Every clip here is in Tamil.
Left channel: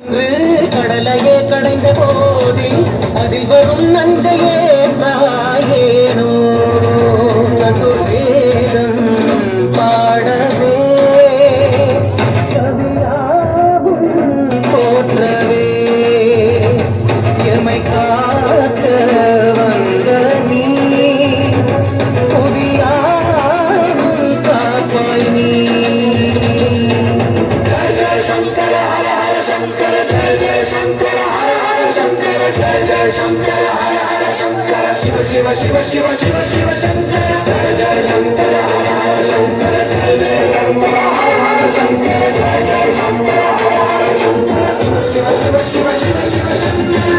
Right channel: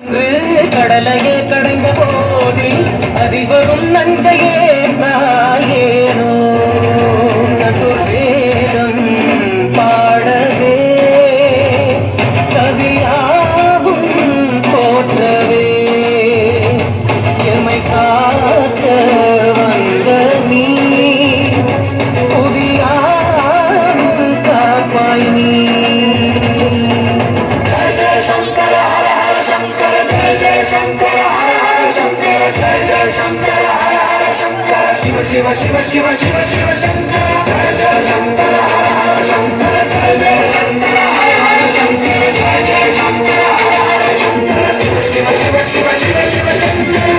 கடலையே கடைந்த போதில் அதிவரும் நஞ்சையே ஏனோ சதுர்வேதம் பாடவே கவியாகும் போற்றவே எமை காக்க வந்த நீ புவியாகும் காப்பாய் நீ. शिव शिव शिव शिव शिव शिव शंकर जय जय शंकर हर हर शंकर जय जय शंकर हर हर शंकर जय जय शंकर हर हर शंकर शिव शिव शिव शिव शिव शंकर.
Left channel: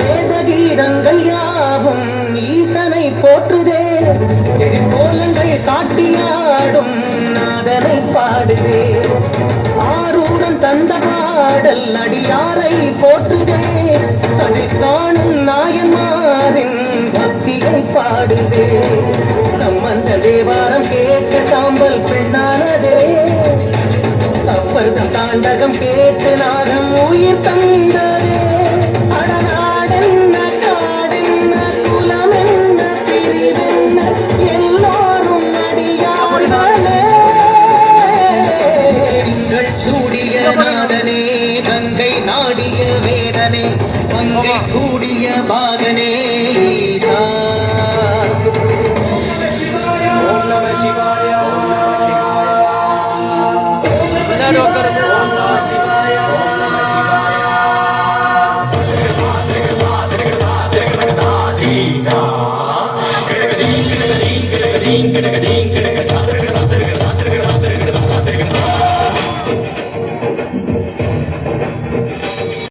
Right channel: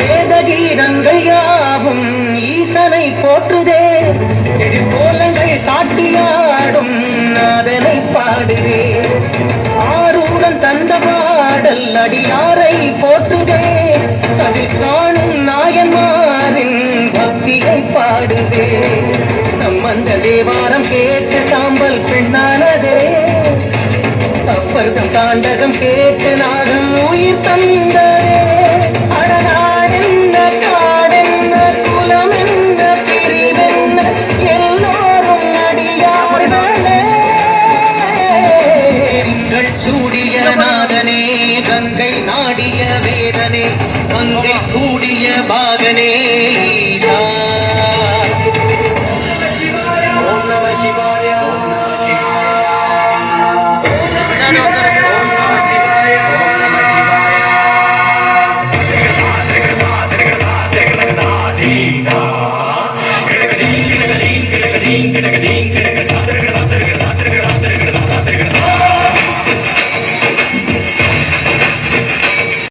வேதகீதங்கள் யாவும் ஈசனை போற்றுதே கோலங்கள் காட்டியாடும் நாதனை பாடுவே ஆரூரம் தந்த பாடல் அடியாரை போற்றுதே அதில் காணும் நாயன்மாரின் பக்தியை பாடுவே நம் அந்த தேவாரம் கேட்டு சாம்பல் பெண்ணானதே அப்பர்தம் தாண்டகம் கே